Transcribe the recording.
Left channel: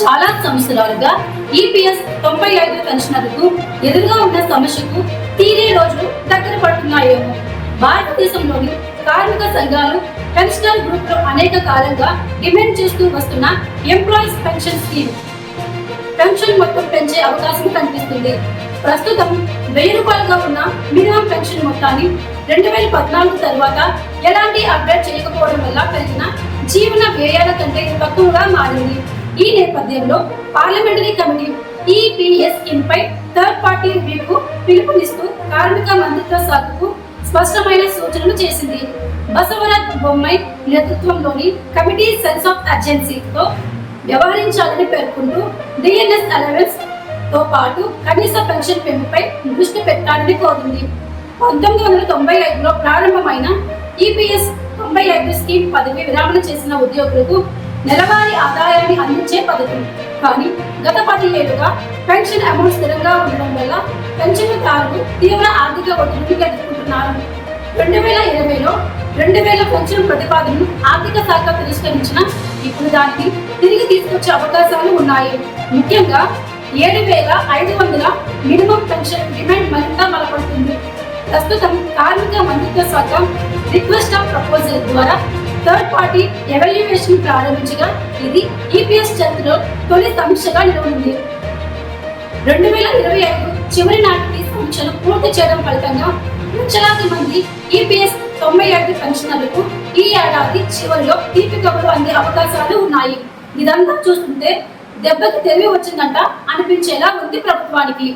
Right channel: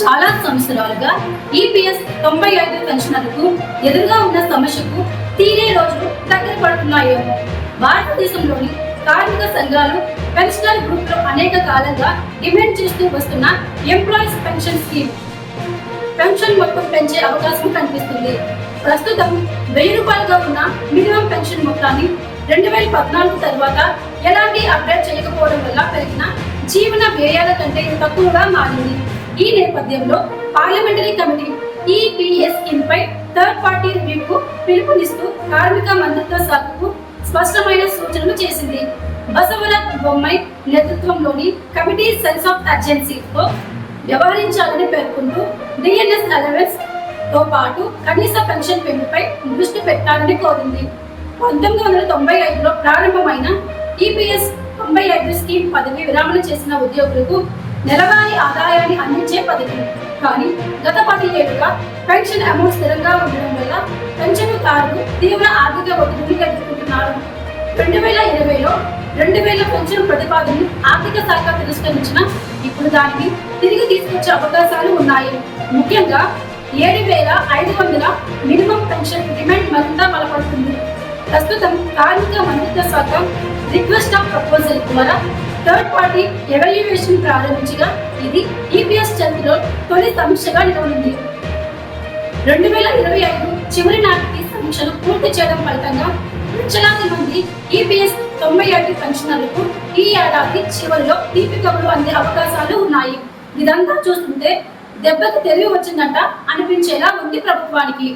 చాలా సంవత్సరాలుగా ఈపీఎస్ తొంభై ఐదు పెన్షనర్లకు ఎదురుగా ఉన్న సమస్యకు తీరే రోజులు దగ్గర పడుతున్నాయేమో భారతదేశంలోని కార్మిక సంఘాలు పెన్షనర్ గ్రూప్ అనేక కాలంగా డిమాండ్ చేస్తూ వస్తున్న ఎంప్లాయీస్ పెన్షన్ స్కీమ్. పెన్షన్ మొత్తం పెంచే అవకాశం కనిపిస్తుంది. ప్రస్తుతం వెయ్యి రూపాయలుగా ఉన్న మినిమం పెన్షన్ మొత్తాన్ని రెండు వేల పద్నాలుగు తర్వాత ఎలాంటి అప్డేట్ చేయకపోవడం వల్ల పెరిగిన జీవన వ్యయాల కంటే తక్కువగా మారింది. ఈ నేపథ్యంలో పార్లమెంటరీ కమిటీ ఈపీఎస్ స్కీమ్ పై థర్డ్ పార్టీ రివ్యూకు పిలుపునిస్తూ కార్మిక మంత్రిత్వ శాఖకు స్పష్టమైన సూచనలు చేసింది. బసవరాజ్ బొమ్మై నేతృత్వంలోని కమిటీ సెన్స్ ఆఫ్ అర్జెన్సీతో వ్యవహరించాలని పేర్కొంటూ డిఎన్ఎస్ అలవెన్స్తో పాటు కనీస పెన్షన్ పెంపుపై దృష్టి పెట్టాలని కోరింది. పంతొమ్మిది వందల తొంభై ఐదులో ప్రారంభమైన ఈపీఎస్ తొంభై ఐదు స్కీమ్ పదవి విరామణ చేసిన ఉద్యోగులకు నెలవారీ ఆదాయాన్ని పెన్షన్ అమౌంట్ స్థిరంగా ఉండడం వల్ల పెన్షన్దారులు తీవ్ర ఆర్థిక ఒత్తిడికి ఎదుర్కొంటున్నారు రెండు వేల ఇరవైలో రెండు వేల పెన్షన్ ప్రతిపాదనను ఆర్థిక శాఖ తిరస్కరించిన ఇప్పుడు దానికి తిరిగి తీసుకొచ్చే అవకాశాలు ఉన్నాయి. ముఖ్యంగా ఏడు వేల ఐదు వందల మినిమం పెన్షన్ డిమాండ్ మరింత బలపడుతుంది. ప్రస్తుతం కార్మిక మంత్రిత్వ శాఖ రిక్వెస్ట్ ఆఫ్ ప్రపోజల్ ద్వారా థర్డ్ పార్టీ ఎవాల్యుయేషన్ ప్రారంభించగా ఇది ఈపీఎస్ చంద్రలో తొలి సమీక్షగా నిలబడింది రెండు వేల ఇరవై ఐదు చివరి నాటికి సమీక్షలు పూర్తి చేయడం ఫలితంగా లక్షలాది మంది ఈపీఎస్ తొంభై ఐదు పెన్షనర్లకు ఈ ఏడాది చివరిలో తీపి కబురు అందే అవకాశాలు ఉన్నాయి. ఇదంతా చూస్తుంటే దెబ్బకి తెలివి వచ్చిందంట అనిపించేలా ఉంది ప్రభుత్వానికి.